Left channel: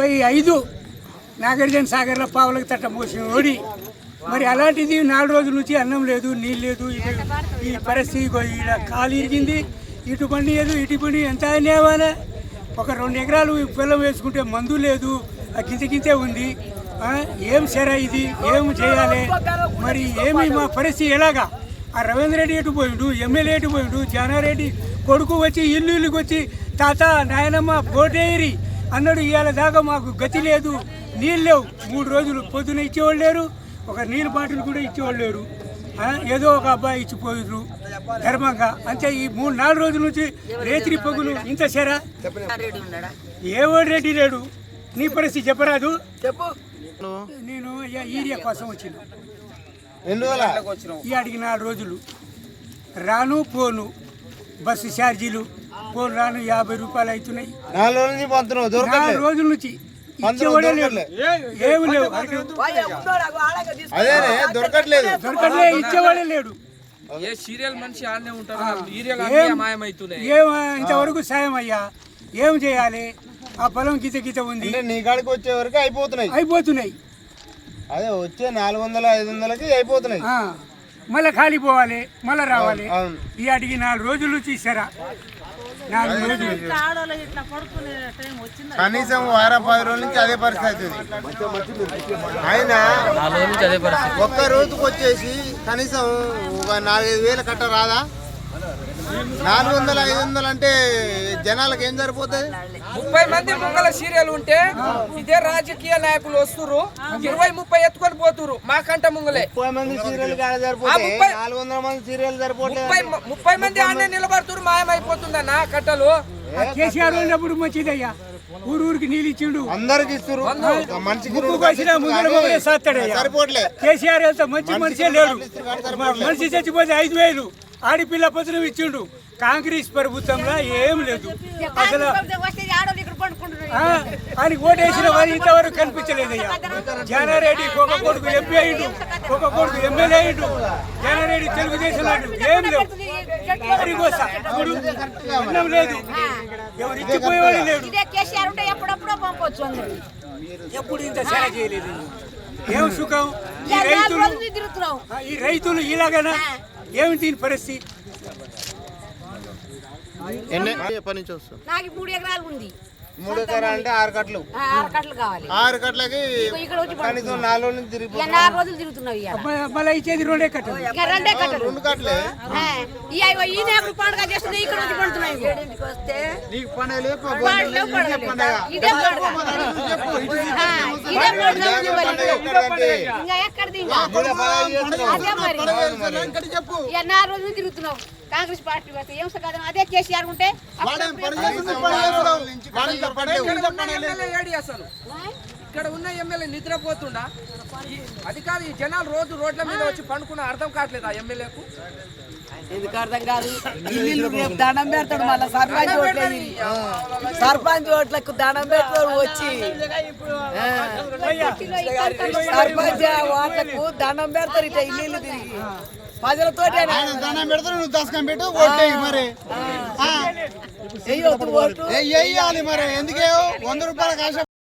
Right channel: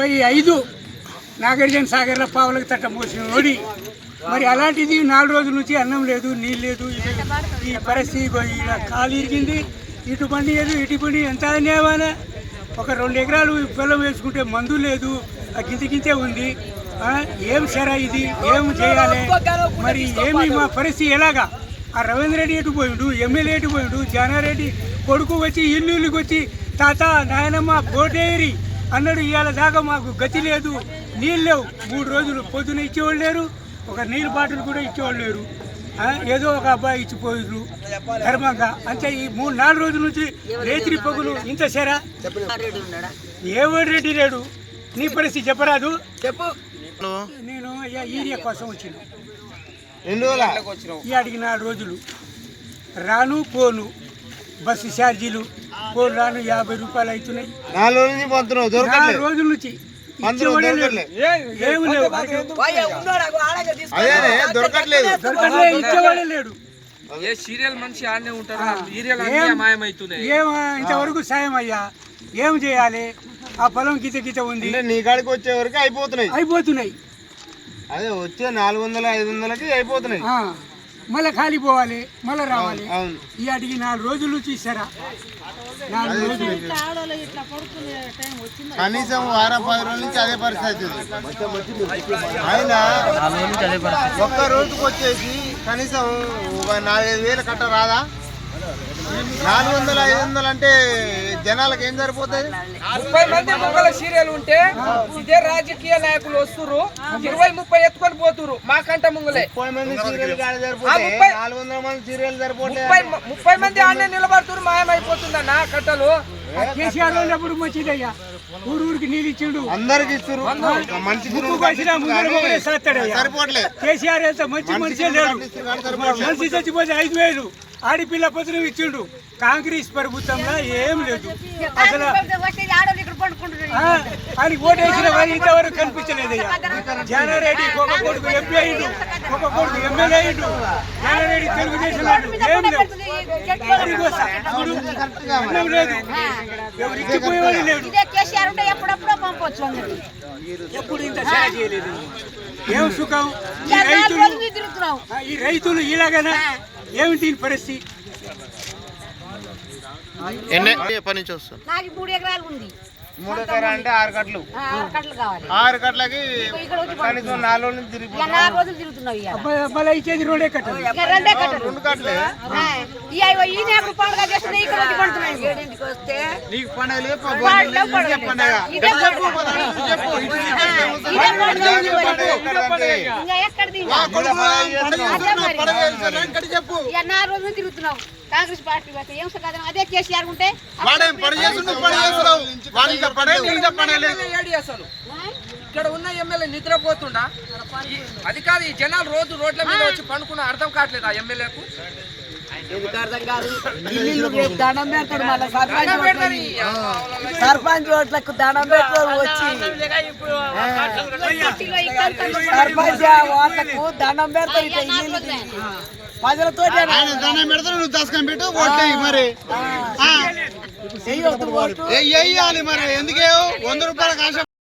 35 నాగార్జున సాగర్లో పావులకు తట్ట మోసిన ఓడి మరి అలాంటిది 4 రోజుల నుంచి అన్నం లేదు, నీళ్ళు లేదు. ఈ పరిస్థితి ఇక్కడ కాలు ఇరిగింది, ఇటు పండి లేదు, ఇటు పండి ఎంత అన్యాయమానే. ఒక 2 ఎకరాలు పొలం వేసుకుంటే మందు లేదు, ఆ గింతే ఉంది. ఏం సరే ఇది ఏం చేయాలి మరి? ఏమి మా పరిస్థితి ఎలాగా? ఆ రవీంద్ర రెడ్డి ఎటు పోయిండు, ఎమ్మెల్యే ఎటు పోయిండు, జానారెడ్డి కొడుకు వచ్చి ఇల్లుకి వచ్చి తాత నాయనమ్మ పోటేరి అన్నాడు. ఇవాళ దాకా మాకు గతి లేదు, నీళ్ళు లేవు. 3 రోజులు పొద్దున ఇచ్చేవాళ్ళు లేరు, ఒక నీళ్ళ బాటిల్ కూడా ఇచ్చేవాళ్ళు లేరు. ఏదో ఒక అబ్బాయి ఇచ్చిపోయారు ధర్మంగా అంతే. ఈ 3-4 రోజుల నుంచి రేత్రి పగులు ఇంత సేరా. ఏవాడు రెడ్డి లేడు. నీ పరిస్థితి చెప్పరాదు. చెప్పు. నేను ఏరియా కోసం వచ్చిన ఈ అడిగి 4 రోజులు రాను పోను, బస్సు ఛార్జీలు పోను రాను 50 రూపాయలు అవుతున్నాయి. 4 రోజుల నుంచి ఇచ్చేవాడే లేడు, ఏమి లేవు, దొరకట్లే, ఇచ్చేవాడే లేడు. ఇంతవరకు సాయం అయ్యా ఏం చేయాలి? ఆ పొలం గీత ఉంది, నీ కాడికి వచ్చే వరకు అయిపోతున్నాయి. అదే వచ్చే 400-500కి అయిపోతున్నాయి. మళ్ళీ ఖాళీ పోవాలి, మళ్ళీ రావాలి. ఈ అడిగి 4 రోజులు నుంచి ఇస్తారా? 4 రోజులు కనీసం 10 రోజుల నుంచి అదే పరిస్థితి. అయినా ఒక్క రోజుకు వచ్చేసి కనీసం 4-5 కట్ట రాదా? 400-500 అంటే జనాలకు ఏం సరిపోతుంది? 30 మంది ముక్కల సీరియల్ ఉంటే ఇదే రాజకీయ నాయకులు వస్తురు, 20-30 ఎత్తుకొని పోతురు మాకంట ముంగలే. 30 మంది సీరియల్ 400 మంది సీరియల్ సరిపోతే 30 మంది ఆడనే నిలబడుతురు, మాయమైపోతుందన్న కట్టలు. కేసీఆర్ ఉన్నప్పుడు మంచిదయ్యా, ఊరికి నీళ్ళు ఇచ్చిండు, అందరికి ఇస్తారు. సరిపోట్లే. కేసీఆర్ వెళ్తే మంచి మనిషే లేడు. మనిషి చచ్చిపోతే 5,000 ఆడిపిల్ల పత్రం ఇచ్చిండు. కాంగ్రెస్ ప్రభుత్వంలో ఏం లేదు అసలు. ఆయన ఓటేసిన వారు ఇంతవరకు కనిపించలేదయ్యా. జానారెడ్డి ఒక కొడుకు ఎంపీ అయ్యిండు, ఒక కొడుకు ఎమ్మెల్యే అయ్యిండు. జానారెడ్డి తెలుగుదేశం ఏం లేవు, అన్నం లేదు, ఎవరు ఇచ్చిపోయేవాడు లేడు. ఎప్పుడు ఇంత సేవ చేయలేదు. ఏం సుఖం? ఈ రైతులు ఇలాగనా? ఏమి దీని పరిస్థితి? ఎప్పటి నుంచి వస్తుంది? నాకు 3 ఎకరాలు ఉంది. 3 ఎకరాలు అంటే 6 కట్టలు. 6 కావాలి. 6 కట్టలకి కనీసం 4 రోజులు తిరుగుతున్నావు. 4 రోజులు తిరుగుతున్నావు. మళ్ళీ ఇచ్చేది 2 కట్టలు. 2 కట్టలు. 2 కట్టలే. ఈయన ఎప్పుడు పండుగ చేస్తున్నాయి, ఇక్కడ వచ్చి పండుతున్నాయి. ఇంకా 4 రోజులు తిరుగుతున్నావు కాంగ్రెస్ పార్టీ వస్తే. ఏం కదా అదే కేసీఆర్ ఉంటే ఇక్కడ ఉన్న ఎమ్మెల్యే నిద్రపోతుండా? అది కాదు, ఈ జనాలు రోజు రోడ్ల మీద వచ్చి పండుకున్న అర్థం కావట్లేదు ఆ ఎమ్మెల్యేకు. ఎందుకు అర్థం కాదు? ఇల్లు దండం పెడతాడు, మళ్ళీ సర్పంచ్ ఓట్లకు దండం పెడతాడు వచ్చి. సర్పంచ్ ఓట్లకు దండం పెడతారు. ఇట్లా ఇల్లు ప్రజలతో దండం పెడతారు, నువ్వు దశకం పెట్టు ఓటు మరి వేయొద్దు ఓటు వేయాలి మరి. ఎందుకే 100 రూపాయల